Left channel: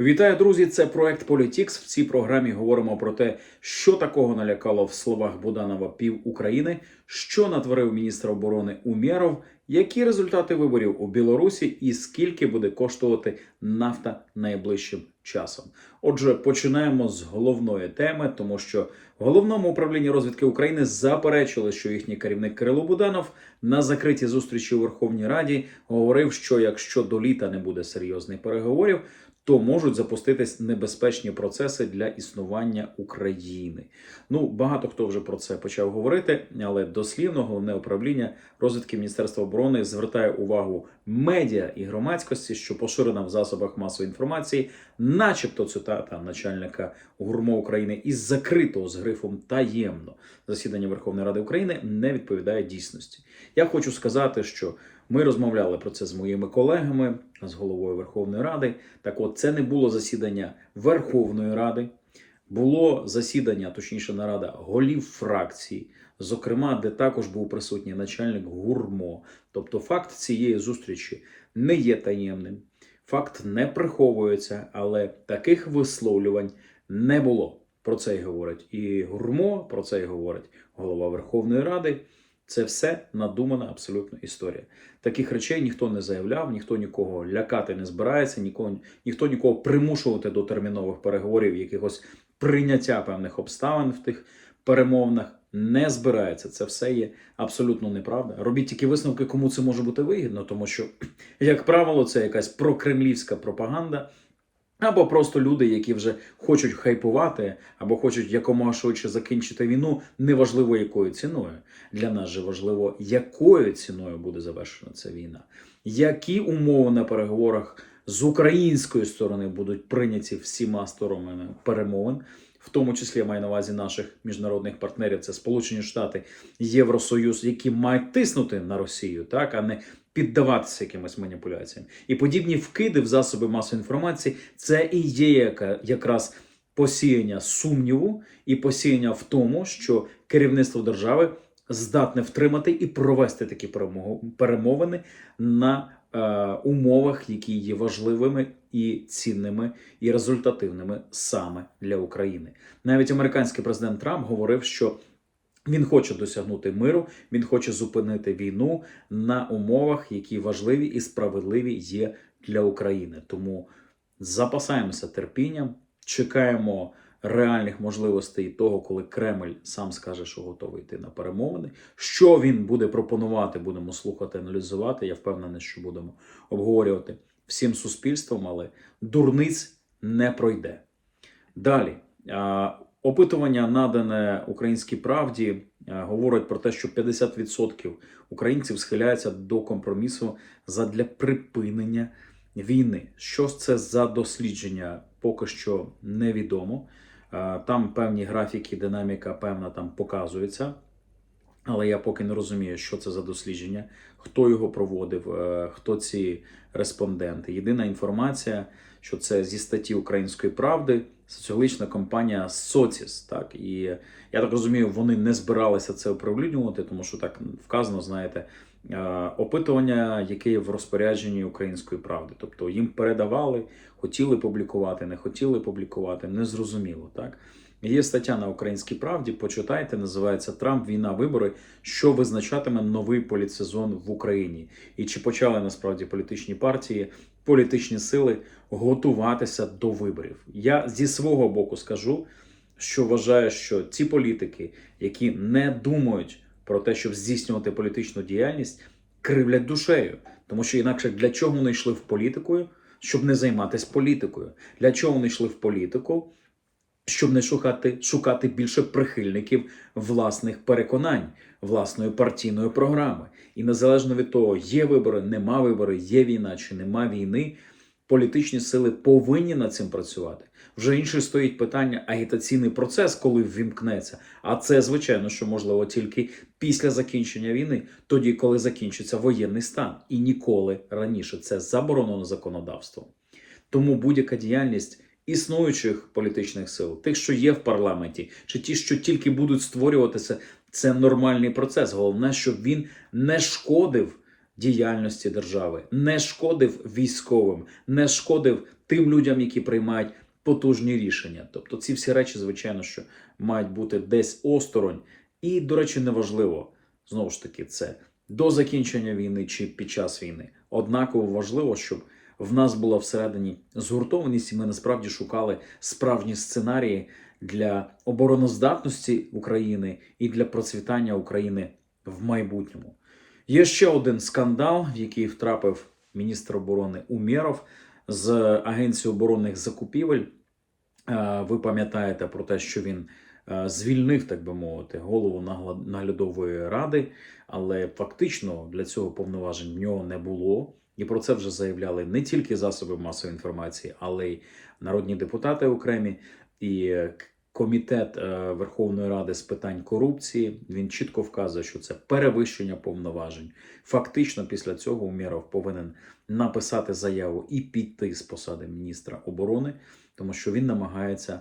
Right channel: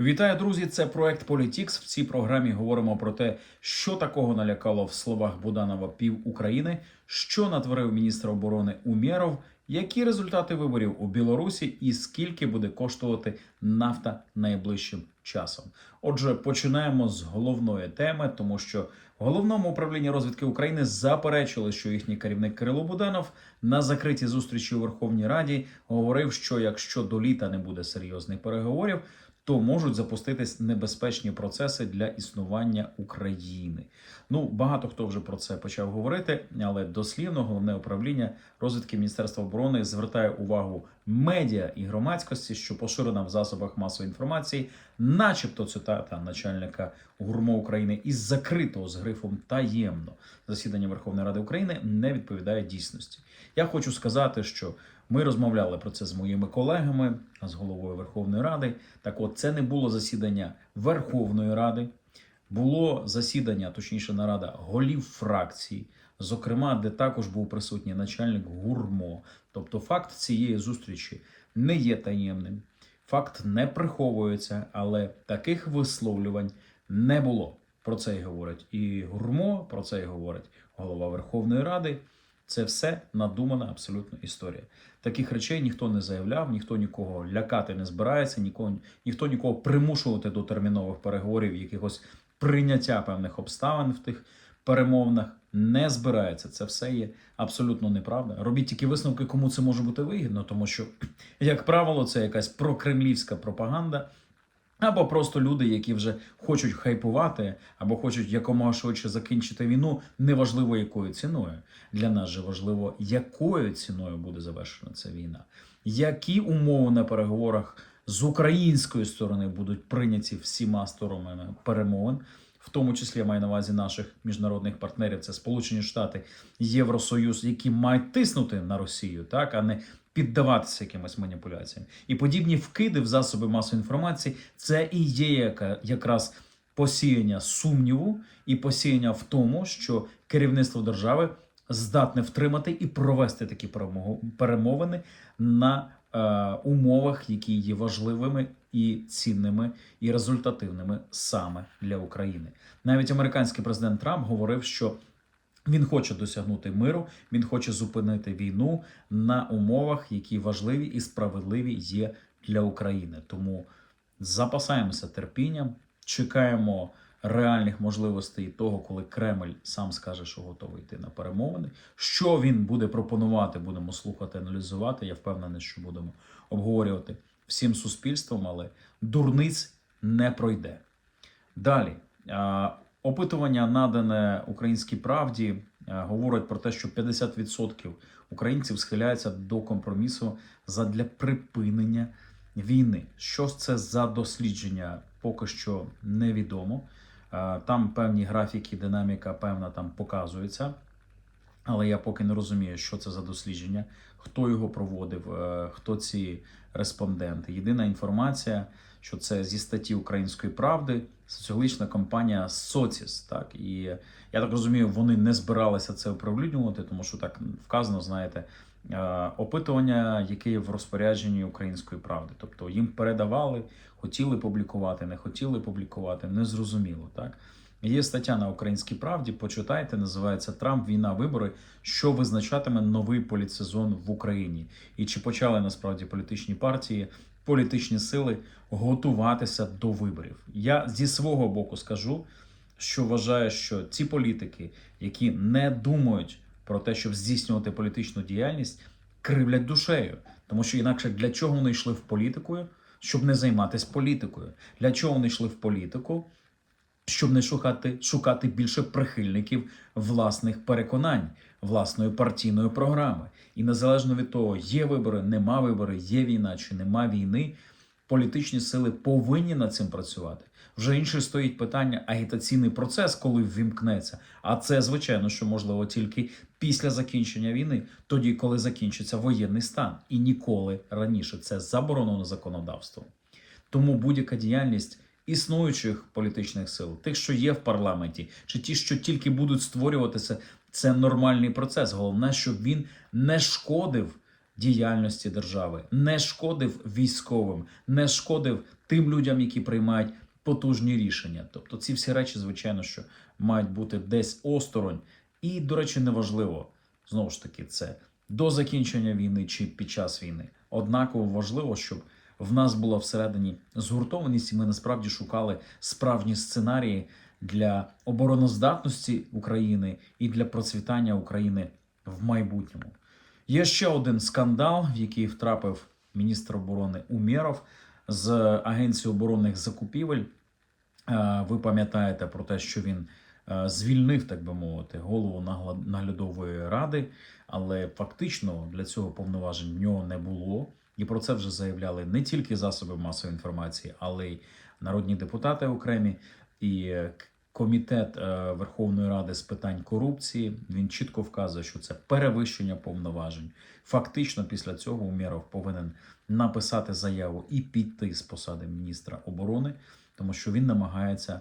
Вітаю, друзі! Це проект Політікс. В цій програмі говоримо про те, що такого налякало в словах Буданова пів України, що натворив міністр оборони Умєров, які результати виборів у Білорусі, і скільки буде коштувати нафта найближчим часом. Отже, починаємо з головної теми, тому що в головному управлінні розвідки України заперечили, що їхній керівник Кирило Буданов на закритій зустрічі у Верховній Раді говорив, що якщо до літа не буде серйозних переговорів, то можуть запуститись небезпечні процеси для існування України. Ну багато хто вже про це почав говорити, але дослівно головне управління розвідки Міністерства оборони звертає увагу медіа і громадськості, що поширена в засобах масової інформації, начебто цитата начальника ГУРМО України із закритого з грифом таємно засідання Верховної Ради України не відповідає дійсності. Я хочу сказати, що ми розмовляли про це з моїми колегами, з головою Верховної Ради. Так, от це не було засідання Верховної Ради, було засідання, точніше, нарада голів фракцій, зокрема, де також був присутній начальник ГУРМО. Тобто, факт цієї зустрічі не є таємним, факт не приховується, але таких висловлювань не було. Про це й говорить і ГУРМО, про це й говорить голова Верховної Ради. Це все надумана абсолютно історія. Таких речей ніхто не заявляв, ніхто нікого лякати не збирається, нікого, ніхто нікого примушувати до термінових переговорів, якихось прийняття певних обставин в тих перемовинах не збирається. Це все є абсолютно неправда. Робіть тільки висновки, кому це може бути вигідно, тому що, як правило, це якась прокремлівська пропаганда. Або просто люди, які вже хочуть хайпувати, або хочуть якомога швидше закінчити війну, неважливо якою ціною. Для нас же важливо, якою ціною буде завершена ця війна, які умови на переговорах з української сторони будуть прийняті всіма сторонами перемовин, в тому числі я маю на увазі наших міжнародних партнерів, це Сполучені Штати, Євросоюз, які мають тиснути на Росію, так а не піддаватися якимось маніпуляціям. І подібні вкиди в засоби масової інформації це і є якраз посіяння сумніву і посіяння в тому, що керівництво держави здатне втримати і провести такі перемовини на умовах, які є важливими і цінними і результативними саме для України. Навіть американський президент Трамп говорив, що він хоче досягнути миру, він хоче зупинити війну на умовах, які важливі і справедливі є для України. Тому запасаємося терпінням, чекаємо реальних можливостей того, коли Кремль сам скаже, що готовий йти на перемовини. Що він буде пропонувати, будемо слухати, аналізувати. Я впевнений, що будемо обговорювати всім суспільством, але дурниць не пройде. Далі. Опитування, надане українській правді, говорить про те, що 50% українців схиляються до компромісу задля припинення війни. Що це за дослідження, поки що невідомо. Е, Там певні графіки, динаміка певна там показується. Але я поки не розумію, що це за дослідження, хто його проводив, е, хто ці респонденти. Єдина інформація, що це зі статті Української правди, соціологічна компанія Соціс. Так і я так розумію, вони не збиралися це оприлюднювати, тому що так вказано, знаєте, е, опитування, яке є в розпорядженні Української правди. Тобто їм передавали, хотіли публікувати, не хотіли публікувати, незрозуміло так. Є стаття на Українській правді. Почитайте, називається Трамп Війна, вибори, що визначатиме новий політсезон в Україні, і чи почали насправді політичні партії, політичні сили готуватися до виборів. Я зі свого боку скажу, що вважаю, що ці політики, які не думають про те, щоб здійснювати політичну діяльність, кривлять душею, тому що інакше для чого вони йшли в політику, щоб не займатися політикою? Для чого вони йшли в політику? щоб не шукати, шукати більше прихильників власних переконань, власної партійної програми. І незалежно від того, є вибори, нема вибори, є війна чи нема війни, політичні сили повинні над цим працювати. Вже інше стоїть питання агітаційний процес, коли ввімкнеться. А це звичайно, що можливо тільки після закінчення війни, тоді коли закінчиться воєнний стан, і ніколи раніше це заборонено законодавством. Тому будь-яка діяльність існуючих політичних сил, тих, що є в парламенті, чи ті, що тільки будуть створюватися, це нормальний процес. Головне, щоб він не шкодив діяльності держави, не шкодив військовим, не шкодив тим людям, які приймають потужні рішення. Тобто, ці всі речі, звичайно, що мають бути десь осторонь. І, до речі, неважливо знову ж таки, це до закінчення війни чи під час війни. Однаково важливо, щоб в нас була всередині згуртованість, і ми насправді шукали справжні сценарії для обороноздатності України і для процвітання України в майбутньому. Є ще один скандал, в який втрапив міністр оборони Умєров з Агенції оборонних закупівель. Е, Ви пам'ятаєте про те, що він е, звільнив, так би мовити, голову наглядової ради, але фактично для цього повноважень в нього не було. І про це вже заявляли не тільки засоби масової інформації, але й народні депутати окремі і е, комітет Верховної Ради з питань корупції. Він чітко вказує, що це перевищення повноважень. Фактично, після цього Умєров повинен написати заяву і піти з посади міністра оборони, тому що він намагається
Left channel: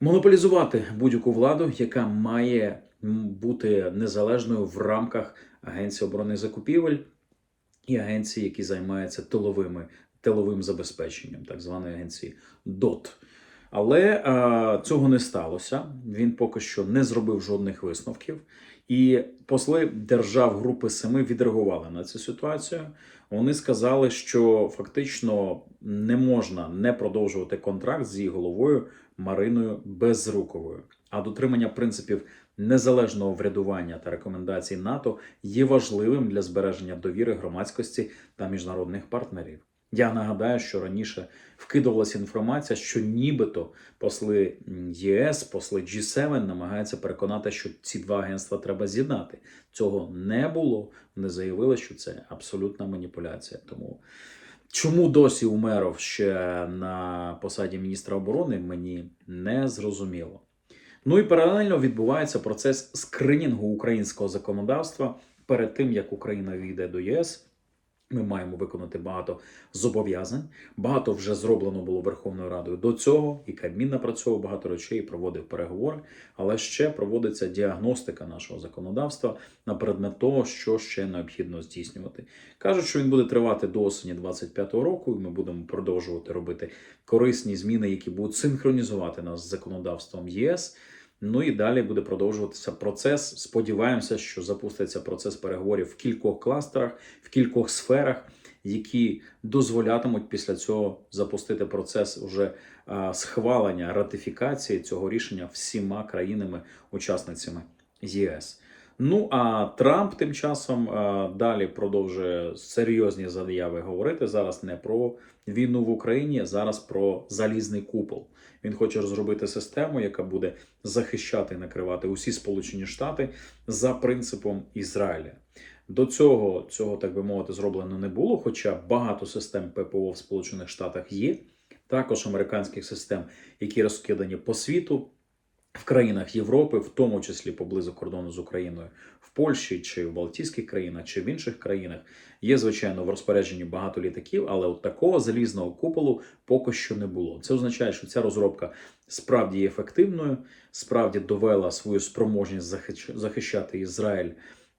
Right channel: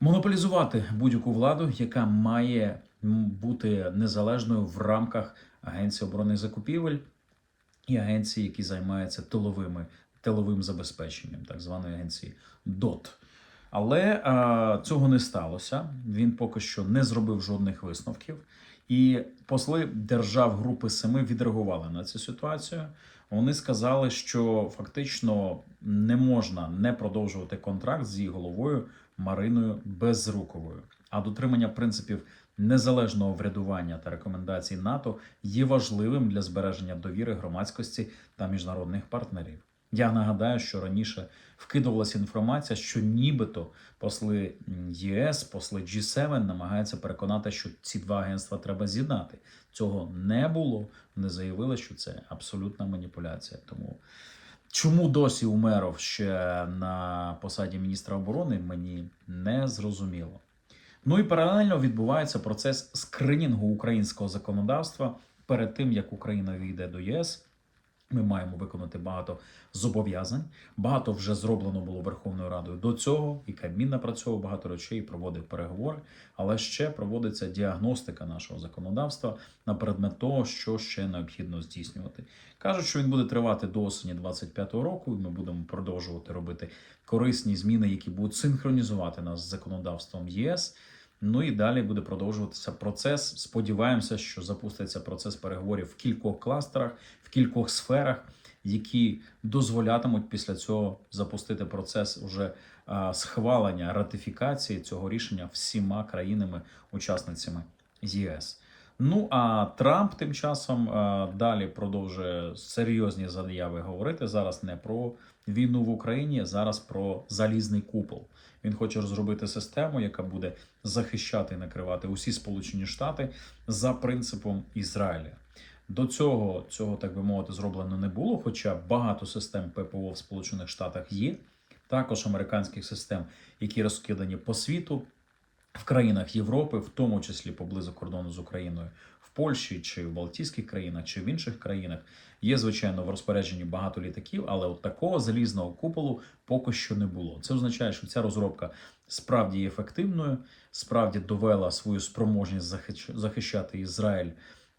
монополізувати будь-яку владу, яка має бути незалежною в рамках Агенції оборонних закупівель і агенції, які займаються тиловими тиловим забезпеченням, так званої агенції ДОТ. Але е, цього не сталося. Він поки що не зробив жодних висновків. І посли держав Групи Семи відреагували на цю ситуацію. Вони сказали, що фактично не можна не продовжувати контракт з її головою Мариною Безруковою. А дотримання принципів незалежного врядування та рекомендацій НАТО є важливим для збереження довіри громадськості та міжнародних партнерів. Я нагадаю, що раніше вкидувалася інформація, що нібито посли ЄС, посли G7 намагаються переконати, що ці два агентства треба з'єднати. Цього не було. Вони заявили, що це абсолютна маніпуляція. Тому чому досі Умеров ще на посаді міністра оборони, мені не зрозуміло. Ну і паралельно відбувається процес скринінгу українського законодавства перед тим, як Україна війде до ЄС. Ми маємо виконати багато зобов'язань. Багато вже зроблено було Верховною Радою до цього, і Кабмін напрацьовував багато речей, проводив переговори. Але ще проводиться діагностика нашого законодавства на предмет того, що ще необхідно здійснювати. Кажуть, що він буде тривати до осені 25-го року, і ми будемо продовжувати робити корисні зміни, які будуть синхронізувати нас з законодавством ЄС. Ну і далі буде продовжуватися процес. Сподіваємося, що запуститься процес переговорів в кількох кластерах, в кількох сферах, які дозволятимуть після цього запустити процес уже схвалення ратифікації цього рішення всіма країнами-учасницями ЄС. Ну а Трамп тим часом далі продовжує серйозні заяви говорити зараз не про війну в Україні, зараз про залізний купол. Він хоче розробити систему, яка буде захищати і накривати усі Сполучені Штати за принципом Ізраїля. До цього цього, так би мовити, зроблено не було, хоча багато систем ППО в Сполучених Штатах є. Також американських систем, які розкидані по світу в країнах Європи, в тому числі поблизу кордону з Україною, в Польщі чи в Балтійських країнах чи в інших країнах. Є, звичайно, в розпорядженні багато літаків, але от такого залізного куполу поки що не було. Це означає, що ця розробка справді є ефективною, справді довела свою спроможність захищ- захищати Ізраїль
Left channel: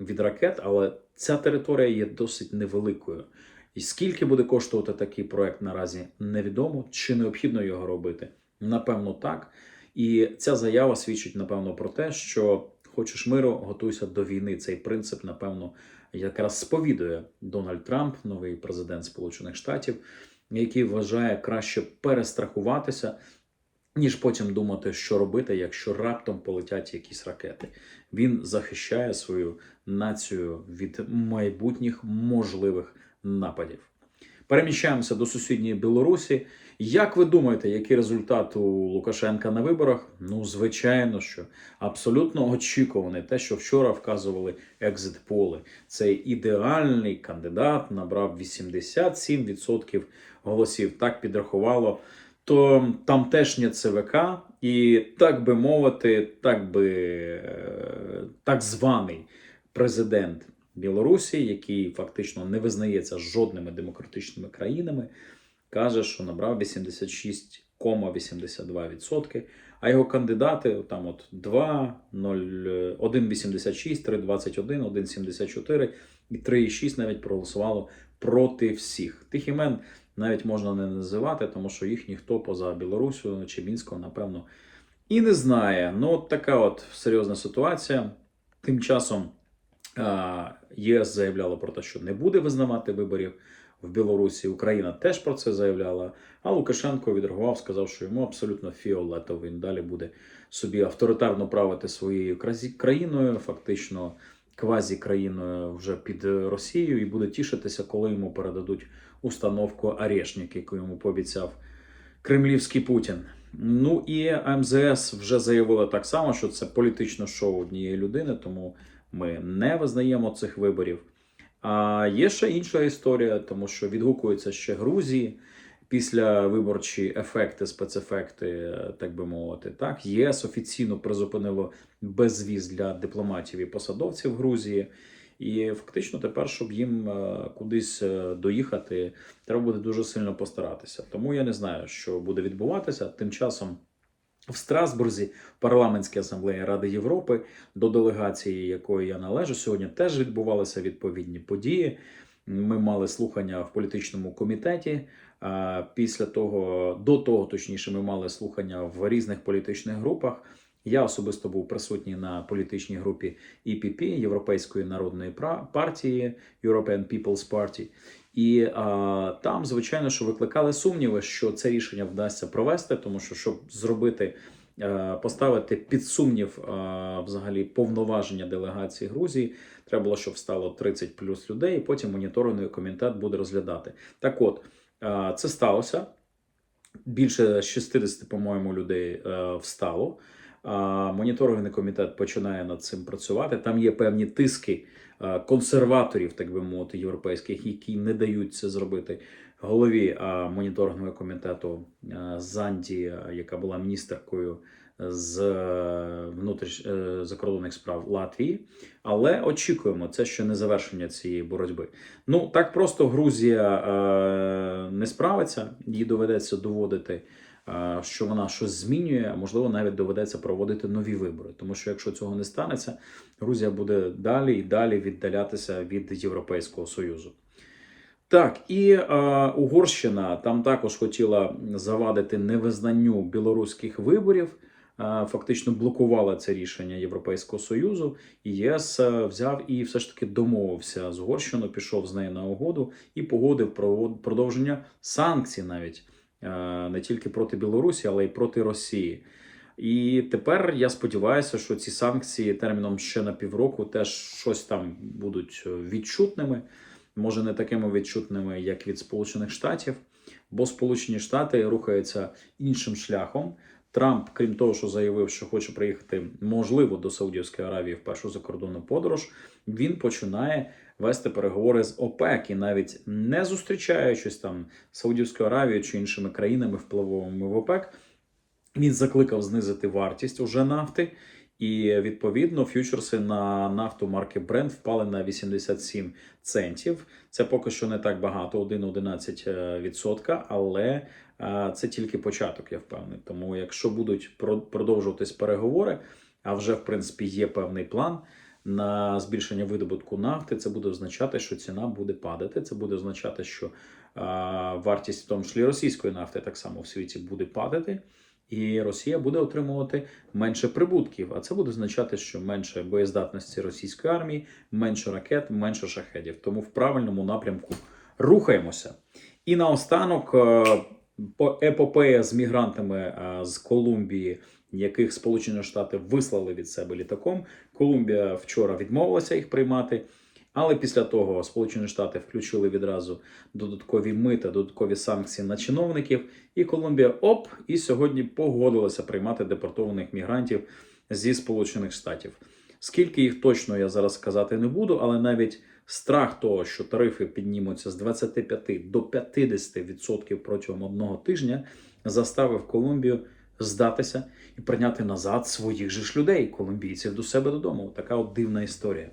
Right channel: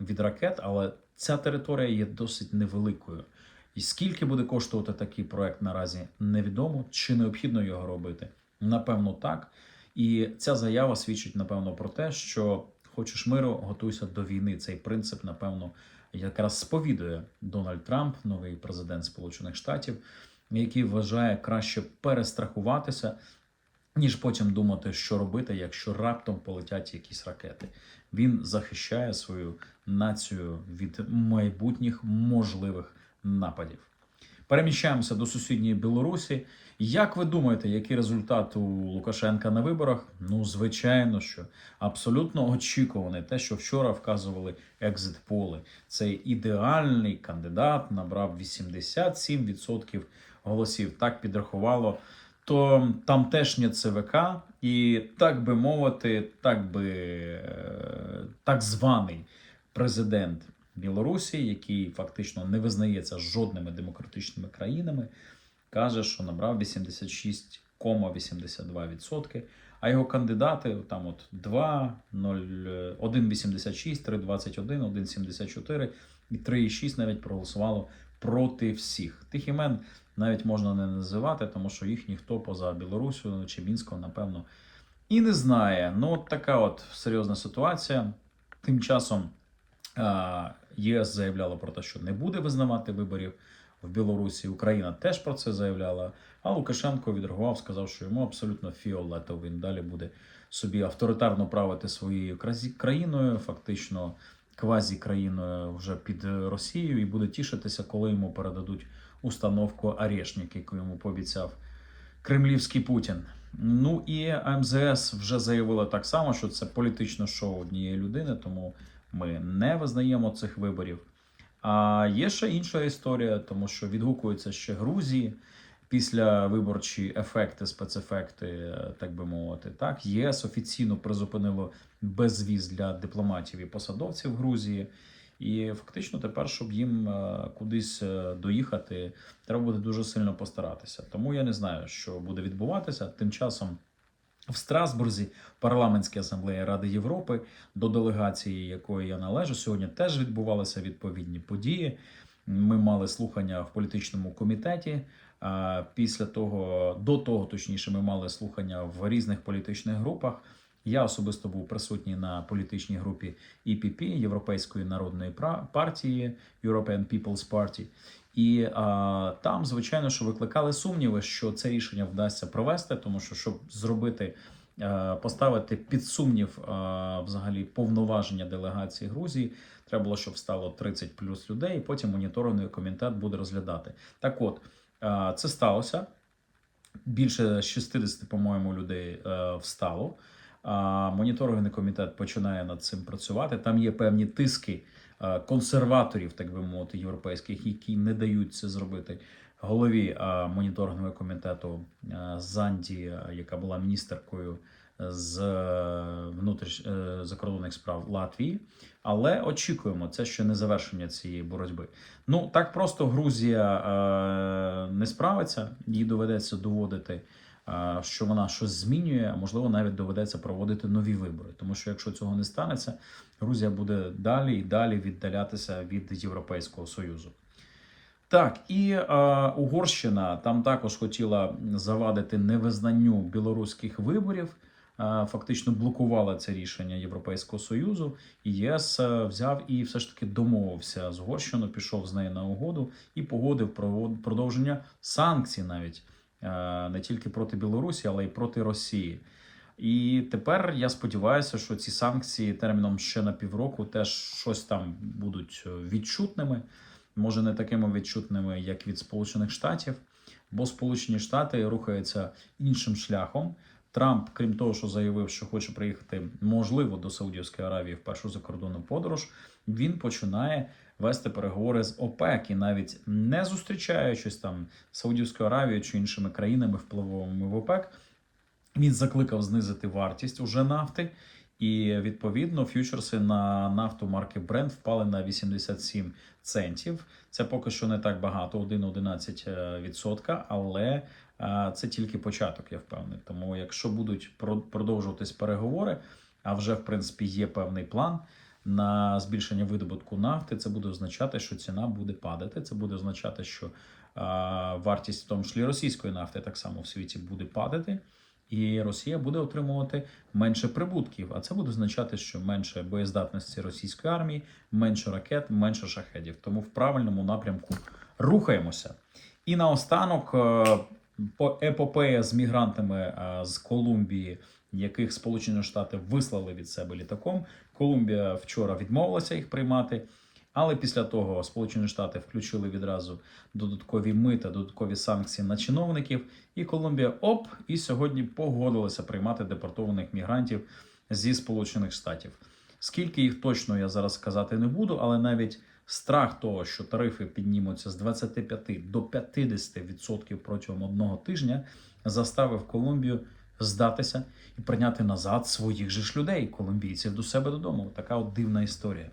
від ракет, але ця територія є досить невеликою. І скільки буде коштувати такий проект наразі невідомо, чи необхідно його робити? Напевно, так. І ця заява свідчить, напевно, про те, що хочеш миру, готуйся до війни. Цей принцип, напевно, якраз сповідує Дональд Трамп, новий президент Сполучених Штатів, який вважає краще перестрахуватися, ніж потім думати, що робити, якщо раптом полетять якісь ракети. Він захищає свою націю від майбутніх можливих нападів. Переміщаємося до сусідньої Білорусі. Як ви думаєте, який результат у Лукашенка на виборах? Ну, звичайно, що абсолютно очікуваний. Те, що вчора вказували екзит-поли. Цей ідеальний кандидат набрав 87% голосів. Так підрахувало. То тамтешнє ЦВК, і так би мовити, так би е, так званий президент Білорусі, який фактично не визнається жодними демократичними країнами, каже, що набрав 86,82%, а його кандидати там от 2, 0, 1,86, 3,21, 1,74 і 3,6 навіть проголосувало проти всіх. Тих імен навіть можна не називати, тому що їх ніхто поза Білорусю чи Мінськом, напевно, і не знає. Ну, от така от серйозна ситуація. Тим часом ЄС заявляла про те, що не буде визнавати виборів в Білорусі. Україна теж про це заявляла. А Лукашенко відреагував, сказав, що йому абсолютно фіолетово. Він далі буде собі авторитарно правити своєю країною, фактично квазі-країною вже під Росією, і буде тішитися, коли йому передадуть установку Арешник, яку йому пообіцяв кремлівський Путін. Ну і МЗС вже заявила так само, що це політичне шоу однієї людини, тому ми не визнаємо цих виборів. А є ще інша історія, тому що відгукуються ще Грузії після виборчі ефекти, спецефекти, так би мовити. Так, ЄС офіційно призупинило безвіз для дипломатів і посадовців Грузії. І фактично тепер, щоб їм е, кудись е, доїхати, треба буде дуже сильно постаратися. Тому я не знаю, що буде відбуватися. Тим часом в Страсбурзі парламентській асамблеї Ради Європи, до делегації якої я належу, сьогодні теж відбувалися відповідні події. Ми мали слухання в політичному комітеті. Після того, до того, точніше, ми мали слухання в різних політичних групах. Я особисто був присутній на політичній групі EPP, Європейської народної партії, European People's Party. І а, там, звичайно, що викликали сумніви, що це рішення вдасться провести, тому що щоб зробити, е, поставити під сумнів е, взагалі повноваження делегації Грузії, треба було, щоб стало 30 плюс людей, і потім моніторинговий комітет буде розглядати. Так, от е, це сталося. Більше 60, по-моєму, людей е, встало. А моніторинговий комітет починає над цим працювати. Там є певні тиски консерваторів, так би мовити, європейських, які не дають це зробити. Голові е, моніторингового комітету е, Занді, е, яка була міністеркою з е, внутріш е, закордонних справ Латвії. Але очікуємо, це ще не завершення цієї боротьби. Ну так просто Грузія е, не справиться, їй доведеться доводити е, що вона щось змінює, а можливо, навіть доведеться проводити нові вибори. Тому що якщо цього не станеться, Грузія буде далі і далі віддалятися від Європейського Союзу. Так, і е, Угорщина там також хотіла завадити невизнанню білоруських виборів. е, Фактично блокувала це рішення Європейського союзу, і ЄС е, взяв і все ж таки домовився з Угорщиною, пішов з нею на угоду і погодив провод- продовження санкцій навіть е, не тільки проти Білорусі, але й проти Росії. І тепер я сподіваюся, що ці санкції терміном ще на півроку теж щось там будуть е, відчутними. Може, не такими відчутними, як від Сполучених Штатів, бо Сполучені Штати рухаються іншим шляхом. Трамп, крім того, що заявив, що хоче приїхати, можливо, до Саудівської Аравії в першу закордонну подорож, він починає вести переговори з ОПЕК і навіть не зустрічаючись там Саудівською Аравією чи іншими країнами впливовими в ОПЕК, він закликав знизити вартість уже нафти. І відповідно фьючерси на нафту марки Brent впали на 87 центів. Це поки що не так багато, 1,11%, відсотка, але е, це тільки початок, я впевнений. Тому, якщо будуть про- продовжуватись переговори, а вже в принципі є певний план на збільшення видобутку нафти, це буде означати, що ціна буде падати. Це буде означати, що е, вартість в тому числі російської нафти так само в світі буде падати. І Росія буде отримувати менше прибутків. А це буде означати, що менше боєздатності російської армії, менше ракет, менше шахедів. Тому в правильному напрямку рухаємося. І наостанок е, епопея з мігрантами з Колумбії, яких Сполучені Штати вислали від себе літаком. Колумбія вчора відмовилася їх приймати. Але після того Сполучені Штати включили відразу додаткові мита, додаткові санкції на чиновників, і Колумбія оп, і сьогодні погодилася приймати депортованих мігрантів зі Сполучених Штатів. Скільки їх точно я зараз сказати не буду, але навіть страх того, що тарифи піднімуться з 25 до 50% протягом одного тижня, заставив Колумбію здатися і прийняти назад своїх же ж людей, колумбійців до себе додому. Така от дивна історія.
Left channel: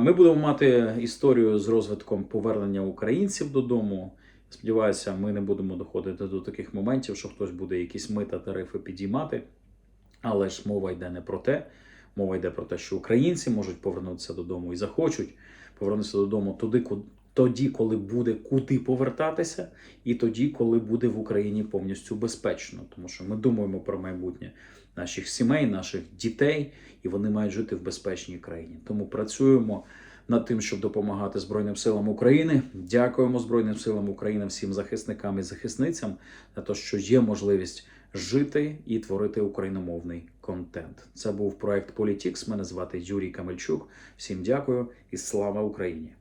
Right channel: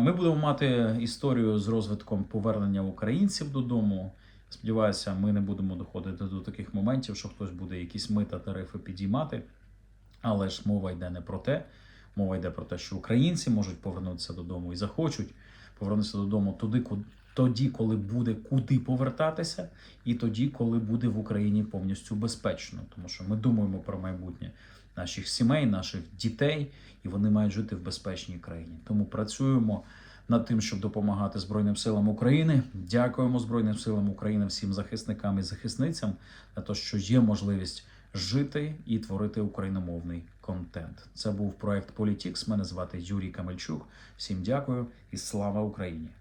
Ми будемо мати історію з розвитком повернення українців додому. Сподіваюся, ми не будемо доходити до таких моментів, що хтось буде якісь мита тарифи підіймати. Але ж мова йде не про те. Мова йде про те, що українці можуть повернутися додому і захочуть повернутися додому туди, тоді, коли буде куди повертатися, і тоді, коли буде в Україні повністю безпечно, тому що ми думаємо про майбутнє наших сімей, наших дітей, і вони мають жити в безпечній країні. Тому працюємо над тим, щоб допомагати Збройним силам України. Дякуємо Збройним силам України, всім захисникам і захисницям за те, що є можливість жити і творити україномовний контент. Це був проект Політікс. Мене звати Юрій Камельчук. Всім дякую і слава Україні!